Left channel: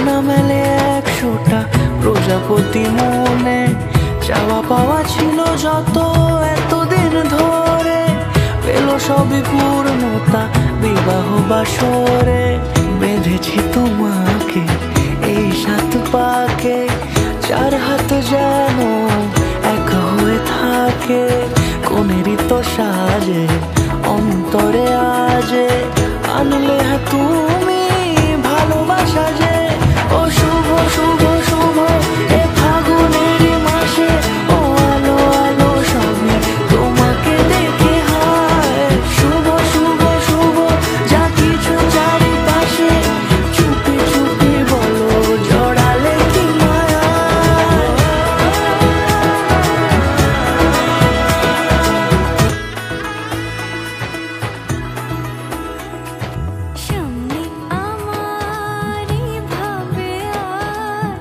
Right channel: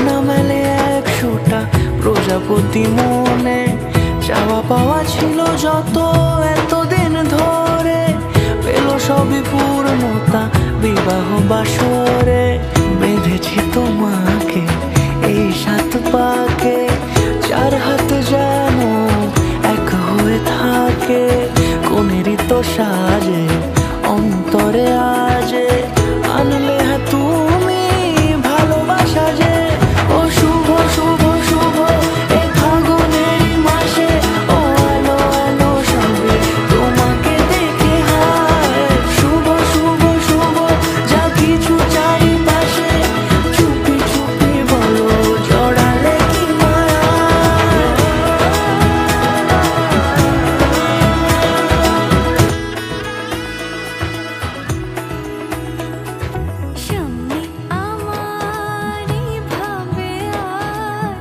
ডানা মেলে 100টা প্রজাপতি মনে, চাওয়া পাওয়া ছিল যত এতদিন ধরে, পেল সবই পূর্ণতা বিবাহ বাসরে। বেঁধেছি তোমাকে এই 7 পাকে, 4 হাত যেন এক হয়ে থাকে। কোনেরই তো সাজে অন্তরে আজে, আনলে হ্যাঁ তুমি ভালোবাসা যে। ও শুভ শুভ শুভ এ ফাগুনেরই মাসে, ও আলো আলো সবই তোমাকে দেখে হায়। শুভ শুভ শুভ যা কিছু চারিপাশে, চুপি চুপি বলো জড়ালে কি মায়া। সামনে আমারই ভাবে আর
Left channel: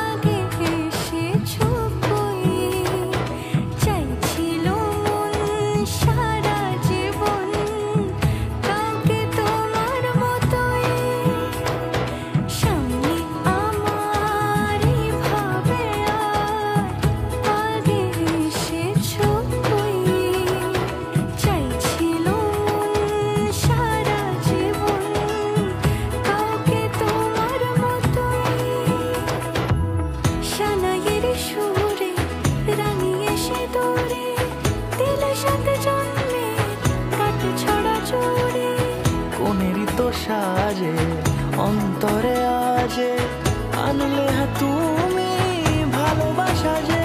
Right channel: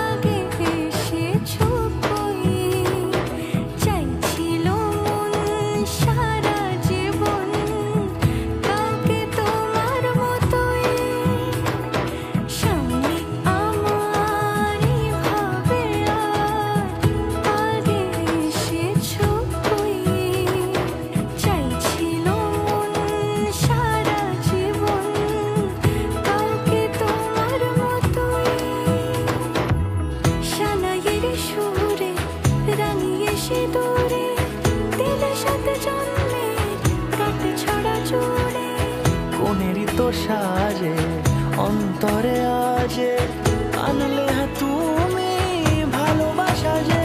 আগে এসেছো কই, চাইছিল মন সারা জীবন কাউকে তোমার মতোই। সামনে আমারই ভাবে আর আগে এসেছো কই, চাইছিল মন সারা জীবন কাউকে তোমার মতোই। সানাইয়ের সুরে রাঙিয়ে সে দূরে, দিলে 7 জন্মের কাট ছড়া জোড়ে। কোনেরই তো সাজে অন্তরে আজে, আনলে হ্যাঁ তুমি ভালোবাসা যে।